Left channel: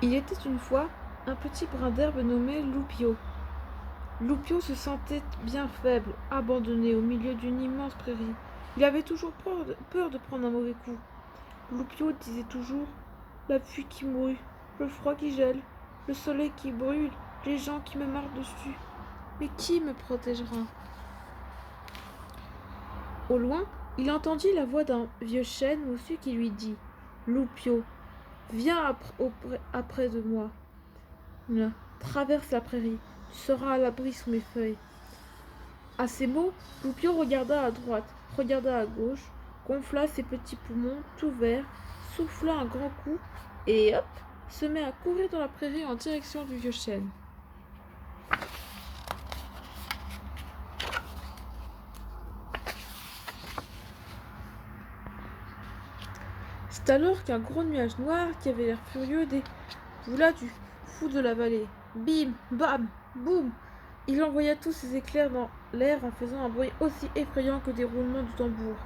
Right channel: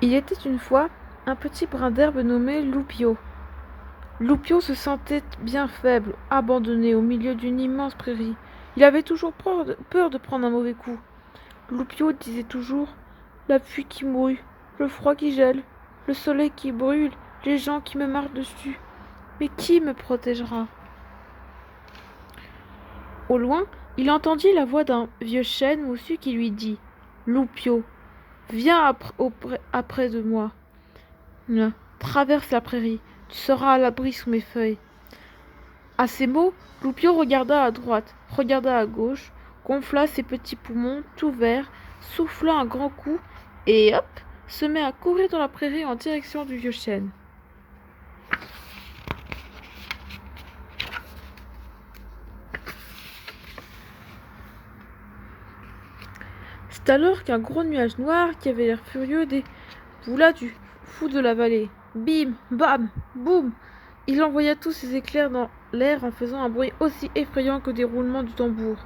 Il était une fois un petit brin d'herbe nommé Loupio. Loupio se sentait bien faible, abandonné au milieu d'une immense prairie. Il avait toujours peur de prendre un mauvais coup. Loupio disait toujours: la pluie qui mouille, le froid qui gèle, le soleil qui brûle, les gens qui me marchent dessus. Mais qui me protégera? Au loin, il entendit la voix d'un vieux chêne moussu qui lui dit: Loupio, viens après de moi. Traverse la prairie, tu seras à l'abri sous mes feuilles. À ces mots, Loupio regarda à droite, regarda à gauche, gonfla ses petits poumons tout verts, souffla un grand coup, et hop, se mit à courir dans la prairie en direction du vieux chêne. C'est alors qu'un gros nuage noir qui avait l'air furieux déboula du fond de la vallée. Bim, bam, boum! Il envoya tous ses éclairs dans l'air en faisant un bruit aussi effrayant que des roulements de tambour.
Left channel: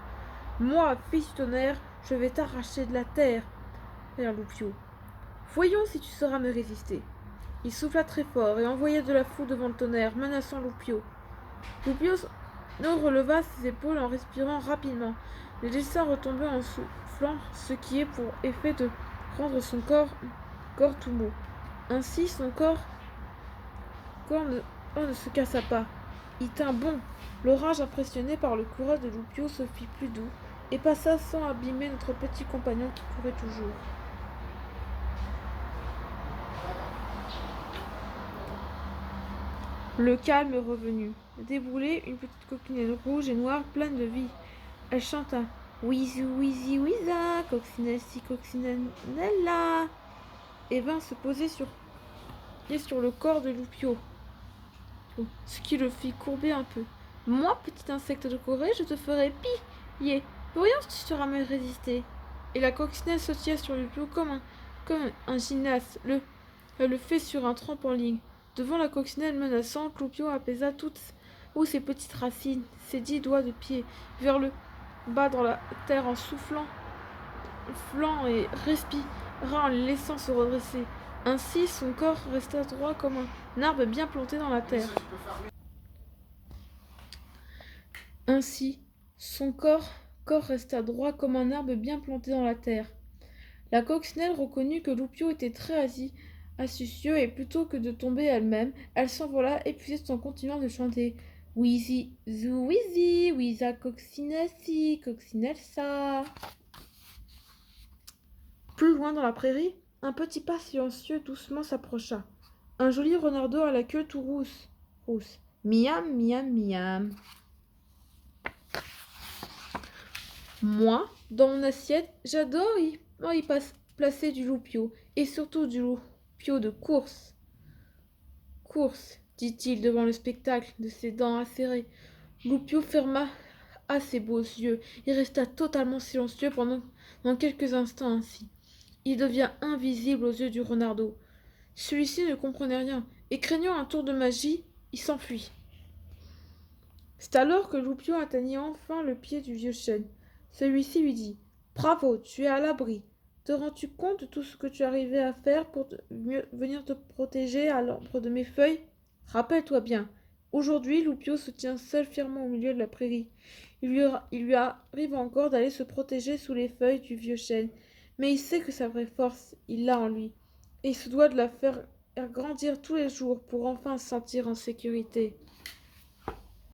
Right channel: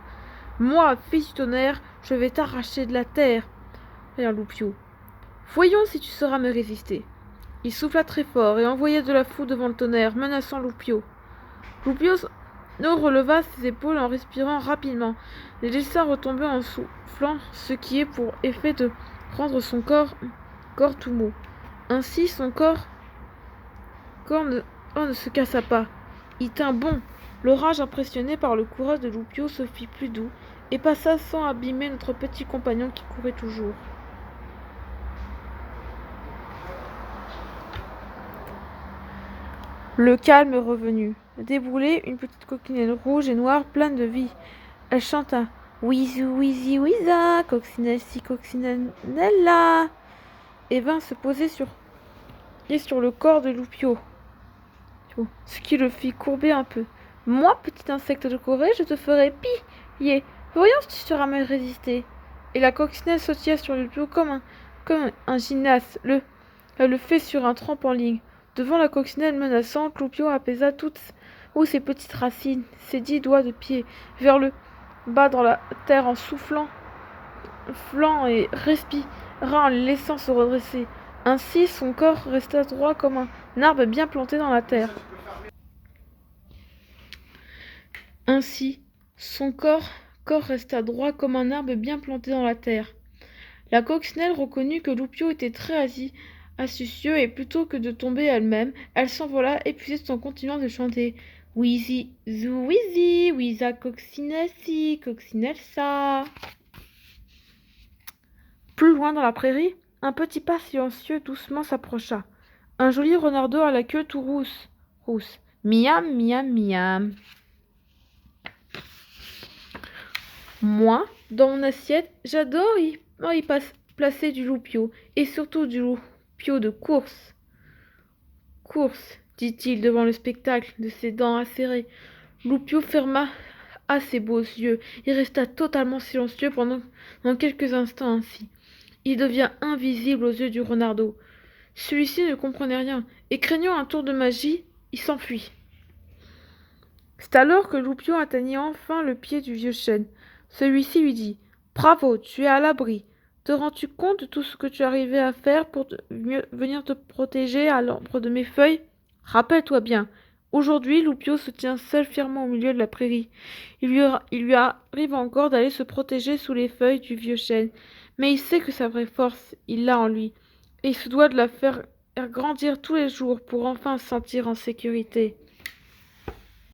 Moi, fils du tonnerre, je vais t'arracher de la terre, rien Loupio. Voyons si tu sauras me résister. Il souffla très fort et envoya de la foudre devant le tonnerre, menaçant Loupio. Loupio releva ses épaules en respirant rapidement, les laissa retomber en soufflant, ce qui est pour effet de rendre son corps tout mou. Ainsi, son corps ne se cassa pas. Il tint bon. L'orage, impressionné par le courage de Loupio, se fit plus doux et passa sans abîmer notre petit compagnon qui courait toujours. Le calme revenu. Déboulait une petite coquinelle rouge et noire pleine de vie. Elle chanta: Wizou, wizi, wiza, coccinelle-ci, coccinelle-là, et vint se poser sur le corps de Loupio, ce qui le fit courber un peu. Moi, petit insecte de Corée, je te ferai piller. Voyons si tu sauras me résister. Et la coccinelle sautilla sur Loupio comme un gymnaste le fait sur un trampoline. Devant la coccinelle menaçante, Loupio apaisa toutes ses petites racines, ses 10 doigts de pied, vers le bas dans la terre en soufflant et respira en le laissant se redresser. Ainsi, son corps resta droit comme un arbre bien planté dans la terre. Ainsi, son corps resta droit comme un arbre bien planté dans la terre. La coccinelle reconnut que Loupio était très astucieux et plutôt que de tomber elle-même, elle s'envola épuisée tout en continuant de chanter: Wheezy, zou, wheezy, wiza, coccinelle ci, coccinelle ça. Plus loin dans la prairie, un petit pas silencieux doucement s'approcha. Un joli renardeau à la queue tout rousse. Miam, miam, miam. Moi, dans mon assiette, j'adore placer du loupio, et surtout du loupio de course. Course, dit-il devant le spectacle de ses dents acérées. Loupio ferma à ses beaux yeux et resta totalement silencieux pendant quelques instants ainsi. Il devient invisible aux yeux du renardeau. Celui-ci ne comprenait rien, et craignant un tour de magie, il s'enfuit. C'est alors que Loupio atteignit enfin le pied du vieux chêne. Celui-ci lui dit: Bravo, tu es à l'abri. Te rends-tu compte de tout ce que tu arrivais à faire pour venir te protéger à l'ombre de mes feuilles? Rappelle-toi bien, aujourd'hui, Loupio se tient seul fièrement au milieu de la prairie. Il lui arrive encore d'aller se protéger sous les feuilles du vieux chêne, mais il sait que sa vraie force, il l'a en lui, et il se doit de la faire grandir tous les jours pour enfin se sentir en sécurité.